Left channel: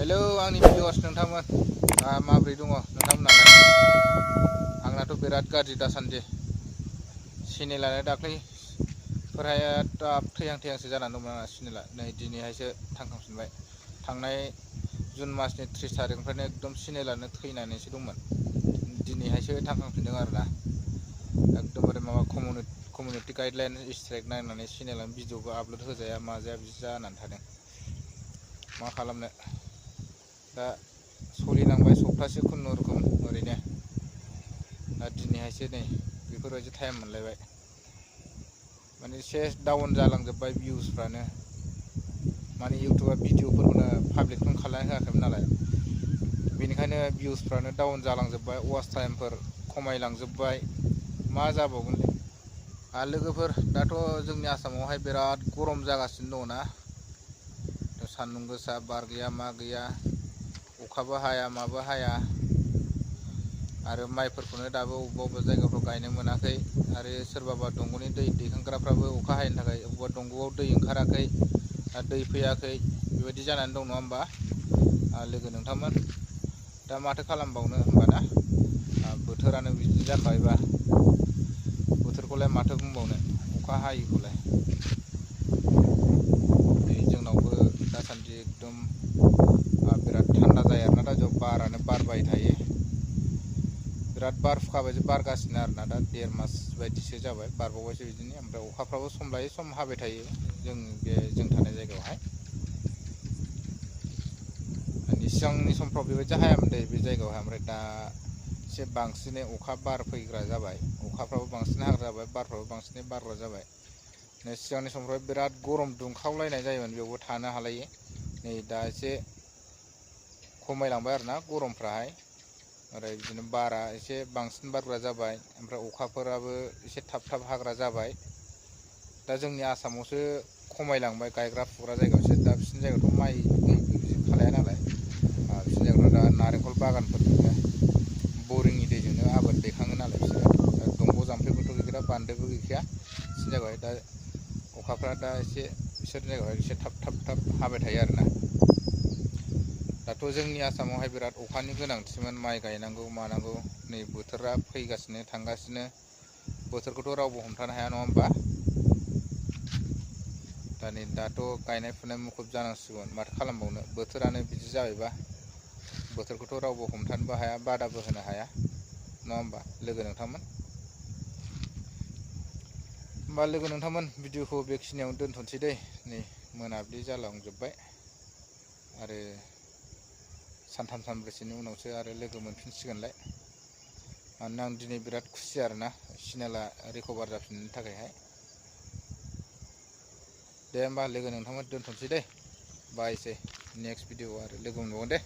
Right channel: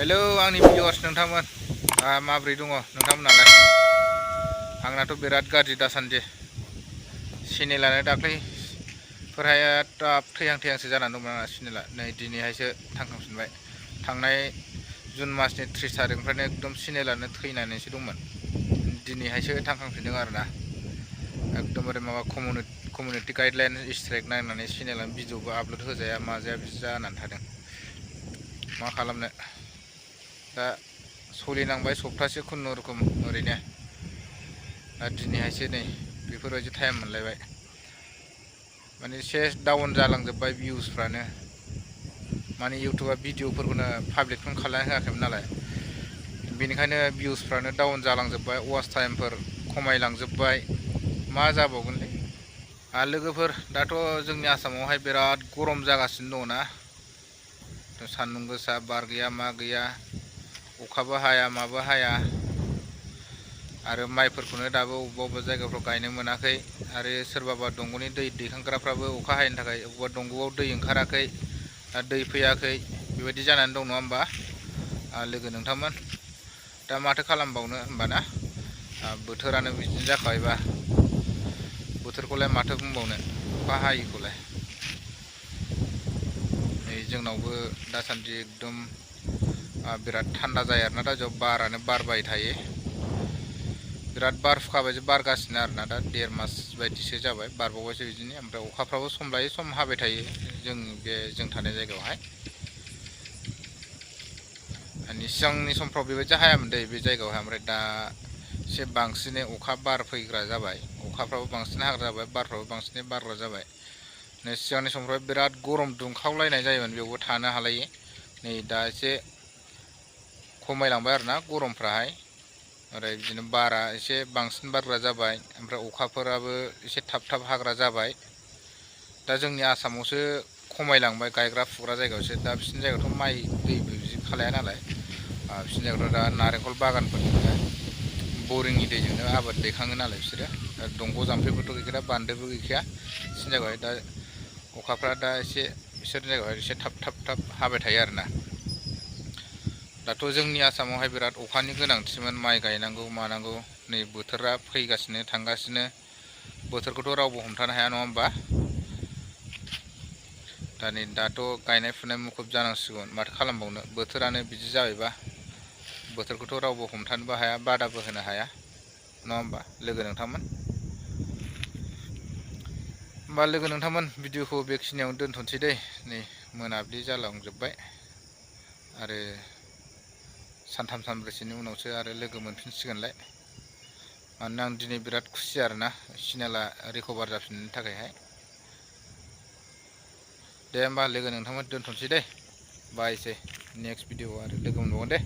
Hello आंनि videos नोंथांमोन माब्रै दङ नोंथांमोनालाय? आंनाथ' बिराद गाज्रि दासान्दि चेनेलानो दाख्लैफोरहाय थैहां थैहांसो जानानै दंमोन आंना चेनेला। नै दिनैहायसो थांखांफिनबाय। थांनाय जुन मासनि 30 तारिखनिफ्रायनो एकदम चेनेलानो थैनानैसो दंमोन। दिनैहायसो थांखांफिनदों आरोना। एकदमबारे माबा कमिउनिटि गाइडलाइन स्ट्राइक नायनानै चेनेलानो भिडिअबो आपल'ड होजाया माजाया बिदि जानानै थादों। मा खालामनो दा सोलिनांबाय सप्तासे खुनुरुखुम ओरैनो। दा दिनैहायसो नै बेफोरबायदि टाइम मोनलायबाय। माने एसे डाउन जालांजोब्बाय भिउसफ्रानो। माने इउटुबा भिडिअफोरखौनो पाब्लिकखौनो खालामना होआखैमोन नालाय, बेनिखायनो भिउसफ्रानो डाउन जालांजोब्बाय, वाच टाइमफोर खमायलांजोब्बाय। मा जाबावगोनलै लोगोफोर, दाथ' जोंनि आसामावहाय बिराद गरम जागासिनो दङ ना। सान्दुं गोसा, बार गैया मा गैया, अखाबो हाया माबो हाया। आरो माइफोरखौनो दाबो अबेबा अबेबा जायगाफ्राव गायनो मोनाखै। आरो सोरबाबा दंग'नि दै दैखांग्राफ्राबो अखा हायैनि थाखाय अबेबा दंग'आव दै ओंखाराखै, दै फैयाखै, बेबायदि जानानै दं नङा होमबा लोगो नोंथांमोन? दा माथो खालामबावनो होमबाना, बोथोरानो बिदिनो जाखाबायबा। बोथोरखौलाय माथो बुंबावनो, अखा हायैखौलाय। नै जोंनावबो दासान्दि एकदम बिराद थान्दा जायो आरोना। दा जों बारानो बारबाय थायो। बिराद बारहुंखा बायदि बारगासिनो आरोना। दा 1.5 मास बायदिसो जाबाय, बारबावबायसो बिदिनो। ओमफ्राय अखाफ्राबो सम लायै सम हाबाय थायो जों थानाय जायगायावहाय। सिगांनि समफ्राव बेबायदि हायामोन दै बे जायगायावहाय। ओमफ्राय दा एसे बांसिनै अखा बार फैग्रा जाबाय। अखाफ्राबो बांसिन हाग्रा जाबाय, बारफ्राबो बांसिनै बारग्रा जाबाय। नै सिगांनि समफ्राव बिराद गरम दुंखावलायनाय जायोमोन, बेयावबो थानो हालायै। नै दा एसे खमायलांबाय आरोना गरमफ्राहाय। ओरै बिदिनो बारा एसे बांसिन बारग्रा जाबाय। ओमफ्राय अखाफोराबो एसे थाब थाब हाग्रा जाबाय। दा जोंनि आसामावसो खमायलांबाय, गायग्रा फुग्रा जायगायावसो। दा बिसिनि जायगायावथ' माइ दैबो बिदि खालाया नालाय, बिसिनि जायगायावथ' दा नारेंखल बागानफोरजोंनो बरिंनि दैजोंनो आबाद दैखाङो नालाय बिसोरो। दंग' जाम्फैबोथ' गैखाया, बान्दोबो गैखाया बिसिनि जायगायावहाय। दा अखाफ्रा दा एसे बिसोरनि जायगायावहाय एसे थाब थाब हाबाय थायो आरोना। दाथ' जोंनि आसामावहाय बिराद अखानि गोनांथिमोन, माइ गायनांगौ मानांगौ। नै बोथोरा फैगासिनो थांगासिनो, बोथोरखौथ' रावबो हमथानो हाया नङा होमबा? दाथ' गायनाय फुनाय मुखुब जानांसिगोन, माथो खालामबावनो, बोथोरानो बिदि जाबायबा। बोथोरखौथ' रावबो हमथानोबो हाया, बादाबो होनो हाया नङा होमबा लोगो नोंथांमोन? होमबा लोगो नोंथांमोन, भिडिअखौ बेखिनियावनो दोनथ'नोसै दै। नै मोनाबिलि जालांजोब्बाय। आरो सानथाम सानब्रैसोनि उनावसो आरो लोगो मोनफिनसिगोनलाय। मानोना आं दिनै बिराद खुसि आरोना, चेनेला रिकभार जाफिननायनि थाखायहाय। दे होमबा लोगो नोंथांमोन, दोनथ'नोसै दे। बायसै, नेक्स्ट भिडिअ'आव आरो लोगो मोनबावगोन दे।